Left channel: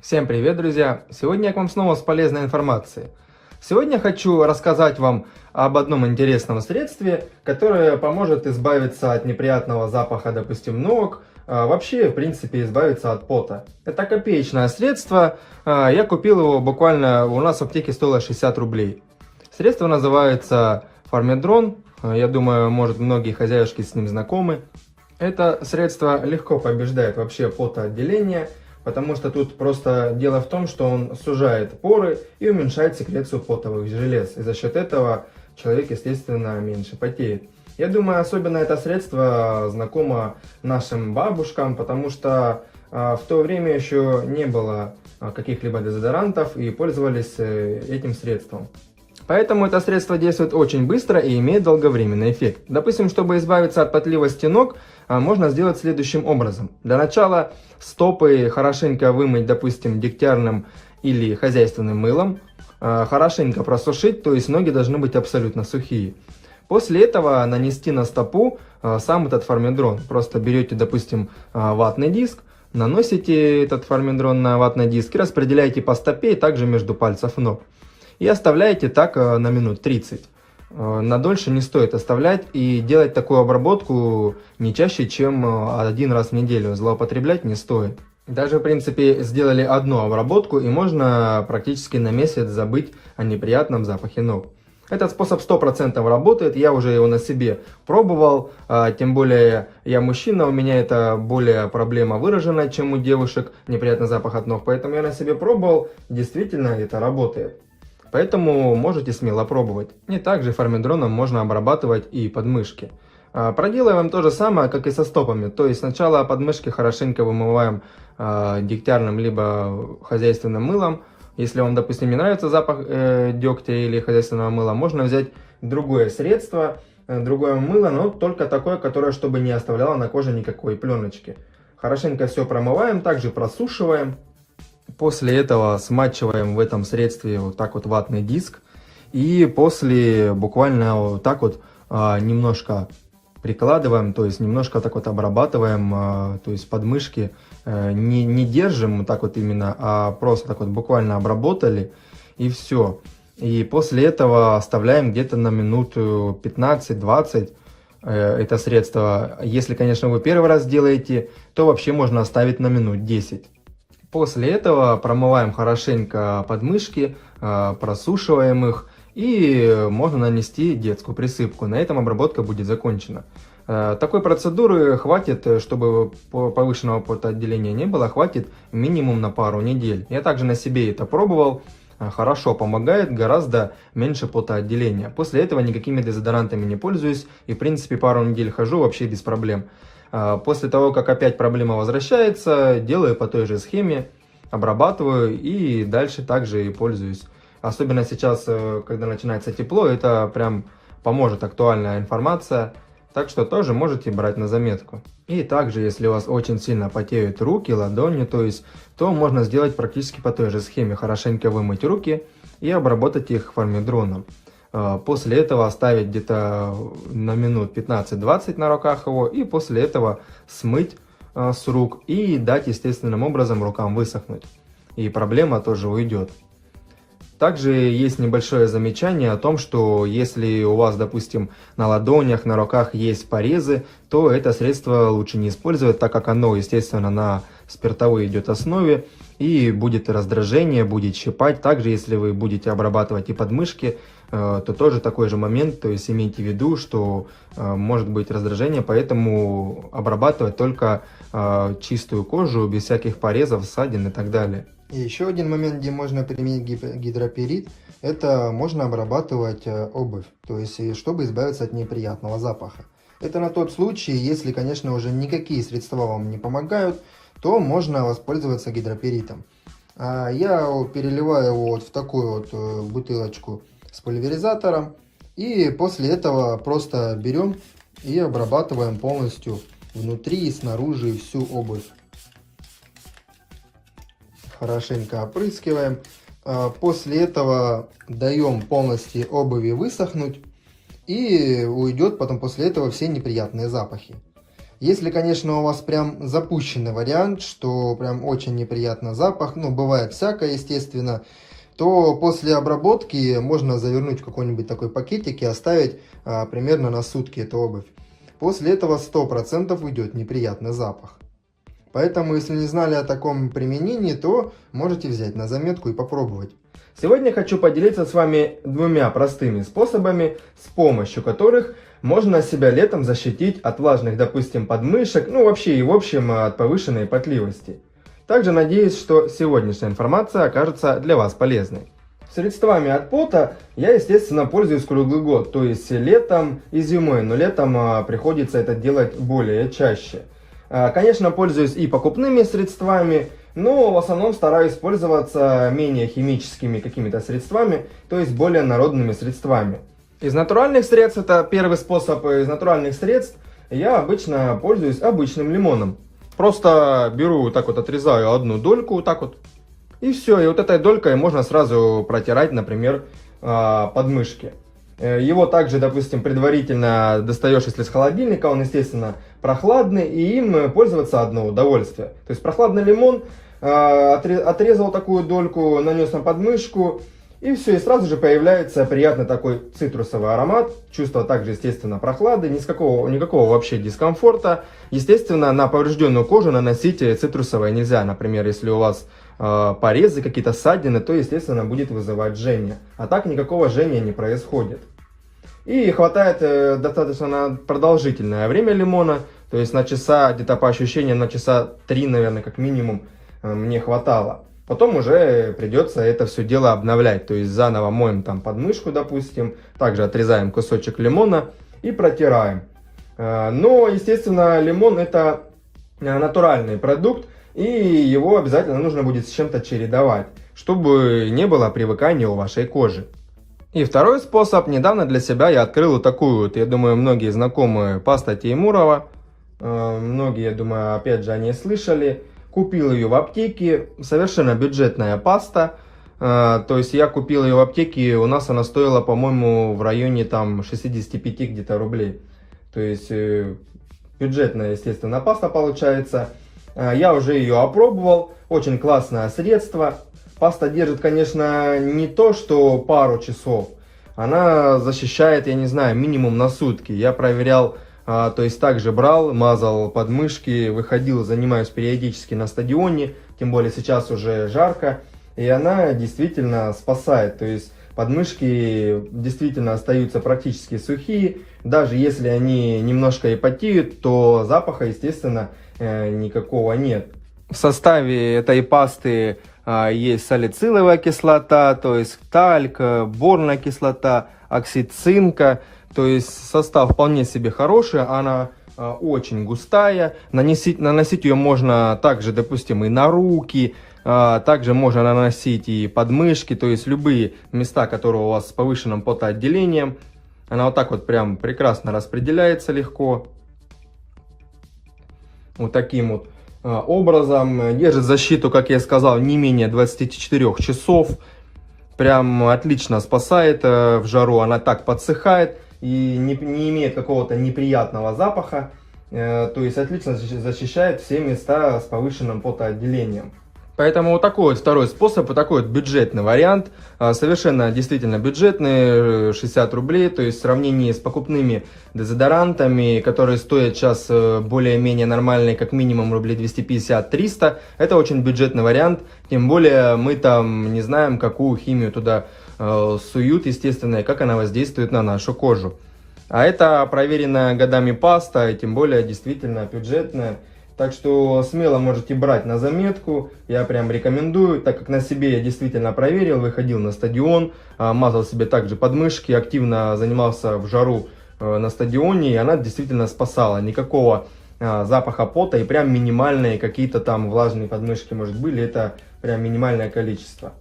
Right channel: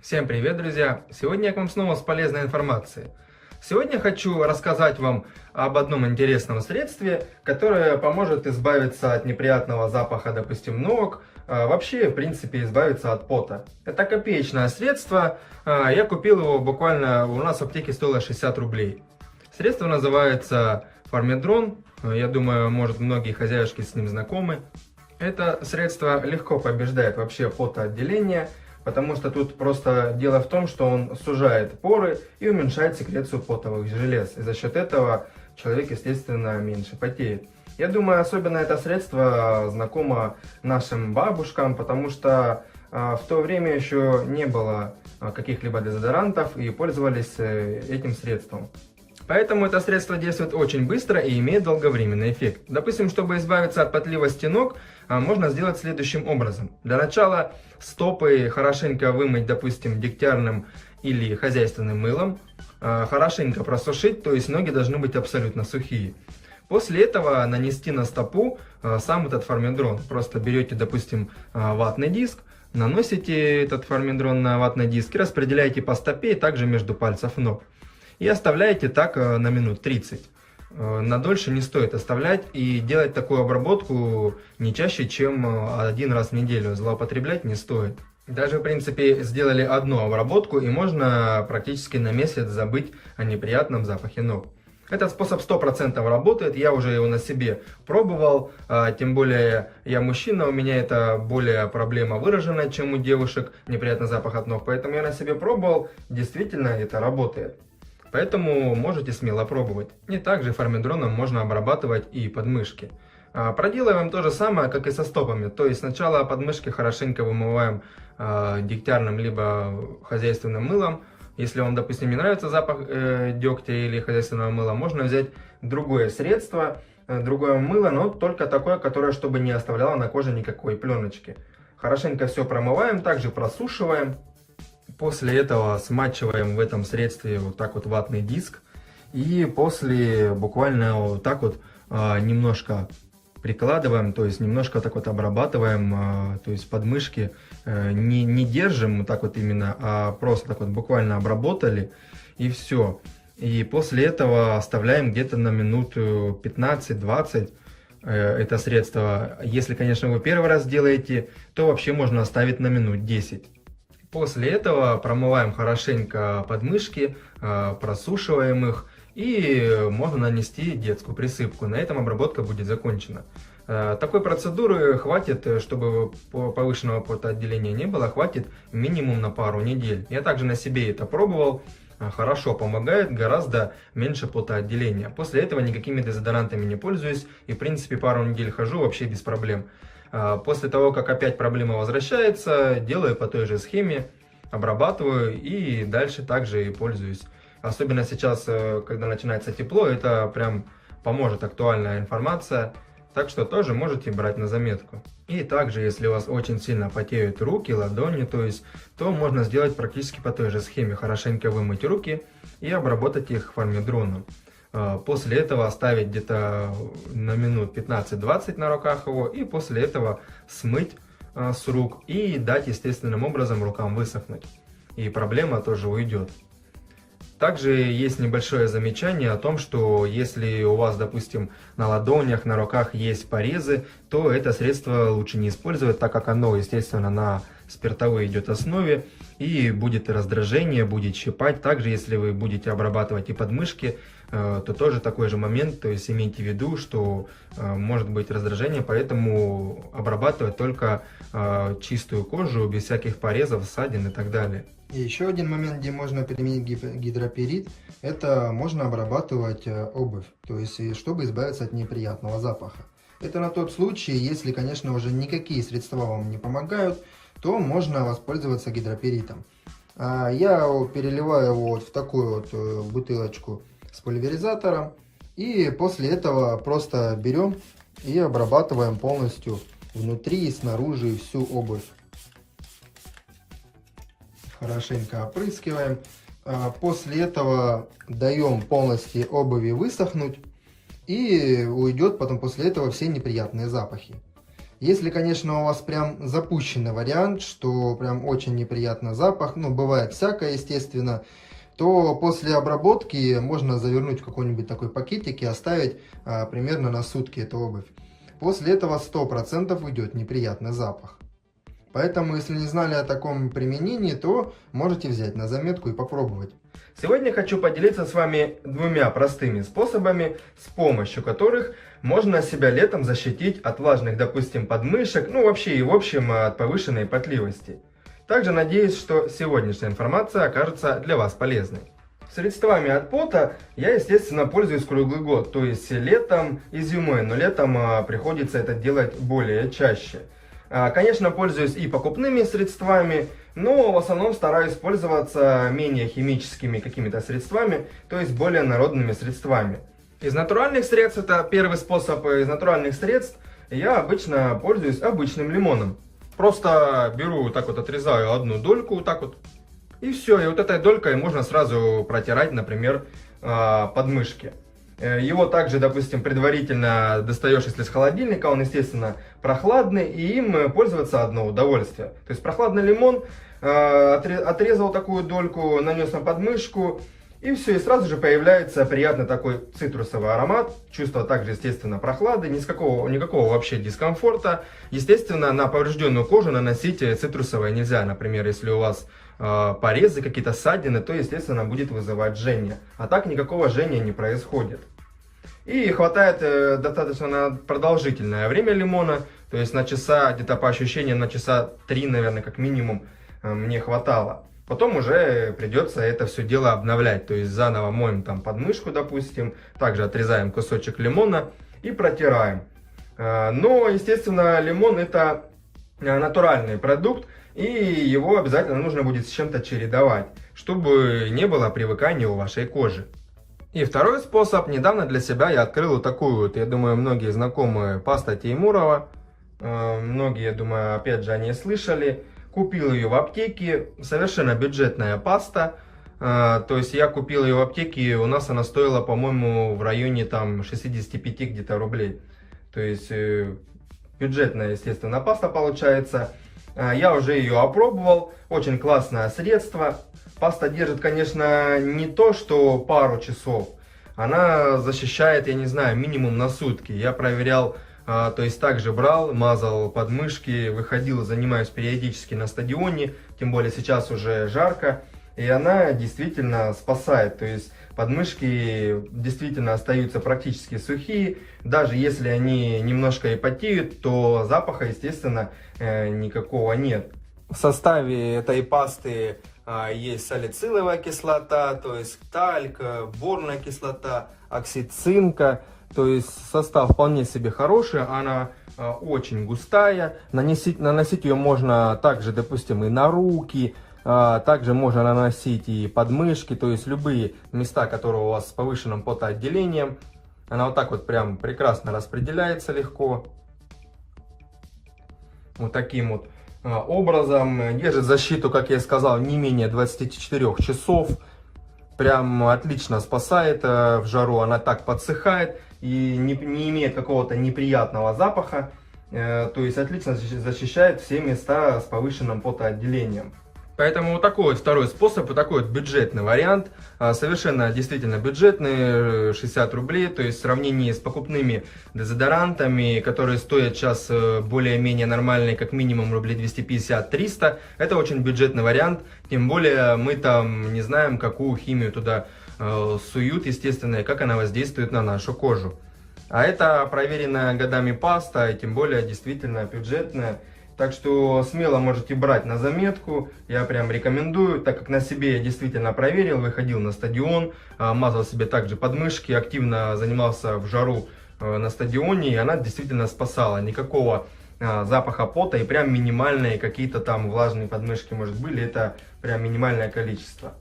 Всем привет, друзья! Сегодня я к вам снова с полезной информацией. Сегодня хочу рассказать вам об одном интересном средстве, которое поможет избавиться от неприятного запаха, допустим, ног, вообще, в принципе, избавиться от пота. Это копеечное средство, я купил его буквально, у нас в аптеке стоило 60 рублей. Средство называется Фармедрон, я думаю, может, многие хозяюшки с ним знакомы. Это средство легко побеждает вообще потоотделение, потому что тут просто дело в том, что он сужает поры и уменьшает секрецию потовых желез. И за счет этого человек, естественно, меньше потеет. Я думаю, особенно это средство знакомо нашим бабушкам, потому что в то время еще не было каких-либо дезодорантов и пользовались этим средством. Поэтому это средство действует очень быстро и имеет долговременный эффект. Допустим, чтобы избавиться от потливости ног, можно сделать следующим образом. Для начала стопы хорошенько вымыть, допустим, дегтярным или хозяйственным мылом. Хорошенько просушить, то есть ноги должны быть абсолютно сухие. После этого нанести на стопу сам этот фармедрон. Просто берете, допустим, ватный диск, наносите этот фармедрон на ватный диск и распределяете по стопе и также между пальцев ног. И оставляете так на минут 30. На дольше не стоит оставлять и делать такую обработку не чаще, чем один раз в неделю. Злоупотреблять не стоит. Даже, в принципе, сделали одну обработку и можно практически на месяц забыть о неприятном запахе ног. Этот способ 100% работает, я уже его на себе пробовал, тем более я мужчина, у меня это более проблема выражена, чем у девушек, неприятный запах от ног, поэтому я на себе пробовал, действительно это работает. Поэтому можете смело пробовать. И также фармедроном можно обрабатывать и подмышки. Проделываем то же самое, как и со стопами. То есть сначала подмышки хорошенько вымываем дегтярным либо хозяйственным мылом. Если вам, допустим, не нравится запах дегтя или хозяйственного мыла, можно взять другое средство, другое мыло, но только такое, которое чтобы не оставляло на коже никакой пленочки. Хорошенько все промываем, также просушиваем. После этого смачиваем в этом средстве вот так вот ватный диск. И после буквально вот так вот немножко прикладываем, то есть немножко так вот обрабатываем, то есть подмышки. Не держим вот так вот именно, а просто так вот буквально обработали и все. И после этого оставляем где-то на минут 15-20 это средство. Если, конечно, вы первый раз делаете, то вообще можно оставить на минут 10. После этого промываем хорошенько подмышки, просушиваем их и можно нанести детскую присыпку. На этом обработка будет закончена. Такой процедуры хватит, чтобы повышенного потоотделения не было, хватит минимум на пару недель. Я также на себе это пробовал, хорошо помогает, гораздо меньше потоотделения. После этого никакими дезодорантами не пользуюсь и в принципе пару недель хожу вообще без проблем. После того, как опять проблема возвращается, делаю по той же схеме, обрабатываю и дальше также и пользуюсь. Особенно сейчас, когда начинается тепло, это прям поможет актуальная информация. Так что тоже можете брать на заметку. И также, если у вас очень сильно потеют руки, ладони, то можно сделать практически по той же схеме. Хорошенько вымыть руки и обработать их фармедроном. После этого оставить где-то на минут 15-20 на руках его. И после этого смыть с рук и дать естественным образом рукам высохнуть. И проблема тоже уйдет. Также есть небольшое замечание о том, что если у вас, допустим, на ладонях, на руках есть порезы, то это средство лучше не использовать, так как оно, естественно, на спиртовой идет основе и будет раздражение, будет щипать. Также, если вы будете обрабатывать и подмышки, то тоже такой же момент, то есть имейте в виду, что может быть раздражение, поэтому обрабатывать только чистую кожу, без всяких порезов, ссадин и так далее. И еще один момент, где можно применить гидроперит, это можно обрабатывать обувь, то есть чтобы избавиться от неприятного запаха. Это на тот случай, если, конечно, уже никакие средства вам не помогают, то можно воспользоваться гидроперитом. Я переливаю его вот в такую вот бутылочку с пульверизатором и после этого просто берем и обрабатываем полностью внутри и снаружи всю обувь. Хорошенько опрыскиваем. После этого даем полностью обуви высохнуть и уйдет потом после этого все неприятные запахи. Если, конечно, у вас прям запущенный вариант, что прям очень неприятный запах, ну, бывает всякое, естественно, то после обработки можно завернуть в какой-нибудь такой пакетик и оставить примерно на сутки эту обувь. После этого 100% уйдет неприятный запах. Поэтому, если не знали о таком применении, то можете взять на заметку и попробовать. Сегодня хочу поделиться с вами двумя простыми способами, с помощью которых можно себя летом защитить от влажных, допустим, подмышек, ну вообще и в общем от повышенной потливости. Также надеюсь, что сегодняшняя информация окажется для вас полезной. Средствами от пота я, естественно, пользуюсь круглый год, то есть летом и зимой, но летом приходится это делать более чаще. Конечно, пользуюсь и покупными средствами, но в основном стараюсь пользоваться менее химическими какими-то средствами, то есть более народными средствами. Из натуральных средств, это первый способ, из натуральных средств я обычно пользуюсь обычным лимоном. Просто беру, так вот отрезаю одну дольку, вот так вот, и все, и вот этой долькой можно сразу протирать, например, подмышки. Его также, допустим, предварительно достаешь, если с холодильника, он, естественно, прохладный, и им пользоваться одно удовольствие. То есть прохладный лимон, отрезал такую дольку, нанес на подмышку, и все, и сразу же появляется приятный такой цитрусовый аромат, чувство также, естественно, прохлады, никакого вообще дискомфорта. Естественно, на поврежденную кожу наносить цитрусовое нельзя, например, если у вас порезы, какие-то ссадины, то, естественно, будет вызывать жжение. А так никакого жжения не происходит. И хватает достаточно на продолжительное время лимона, то есть на часа, где-то по ощущениям, на часа 3, наверное, как минимум, мне хватало. Потом уже придется это все дело обновлять, то есть заново моем там подмышку, допустим, также отрезаем кусочек лимона и протираем. Но, естественно, лимон это натуральный продукт, и его обязательно нужно будет с чем-то чередовать, чтобы не было привыкания у вашей кожи. И второй способ. Недавно для себя я открыл вот такую вот, я думаю, многие знакомые, паста Теймурова. Многие, я думаю, опять же, они слышали. Купил ее в аптеке, совершенно бюджетная паста. То есть я купил ее в аптеке, у нас она стоила, по-моему, в районе там 65 где-то рублей. То есть бюджетная, естественно, паста получается. Я уже ее опробовал, очень классное средство. Паста держит, конечно, не то, что пару часов. Она защищает, я не знаю, минимум на сутки. Я проверял, то есть также брал, мазал подмышки, выходил, занимаюсь периодически на стадионе. Тем более сейчас уже жарко. И она действительно спасает. То есть подмышки действительно остаются практически сухие. Даже если они немножко и потеют, то запаха, естественно, никакого нет. В составе этой пасты есть салициловая кислота, то есть тальк, борная кислота, оксид цинка. То есть состав вполне себе хороший, она очень густая. Наносить ее можно также, допустим, и на руки. Также можно наносить и подмышки, то есть любые места, которые у вас с повышенным потоотделением. Она вот так вот прям прекрасно распределяется легко. Вот таким вот образом. Держит защиту, как я сказал, не менее 24 часов. Прям отлично спасает в жару. Она так подсыхает и не имеет какого-то неприятного запаха. То есть отлично защищает все места с повышенным потоотделением. Поэтому вот такой вот второй способ, вот такой вот бюджетный вариант, совершенно действительно бюджетный, 60 рублей, то есть в сравнении с покупными дезодорантами, которые стоят сейчас более-менее нормальные, как минимум рублей 250-300, это очень бюджетный вариант, тем более мы там не знаем, какую химию туда суют, естественно, и как она воздействует на нашу кожу. А это проверенная годами паста, и тем более действительно бюджетная. Так что смело можете брать на заметку, я прям рекомендую, так как на себе я действительно проверил, выходил на стадион, мазал себе также подмышки, активно занимался в жару на стадионе, и она действительно спасала. Никакого запаха пота и прям минимальные какие-то там влажные подмышки, может, были, это прям минимальное количество.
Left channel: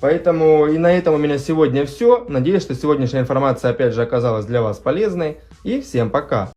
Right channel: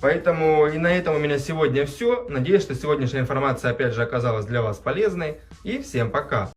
Поэтому и на этом у меня сегодня все. Надеюсь, что сегодняшняя информация опять же оказалась для вас полезной. И всем пока!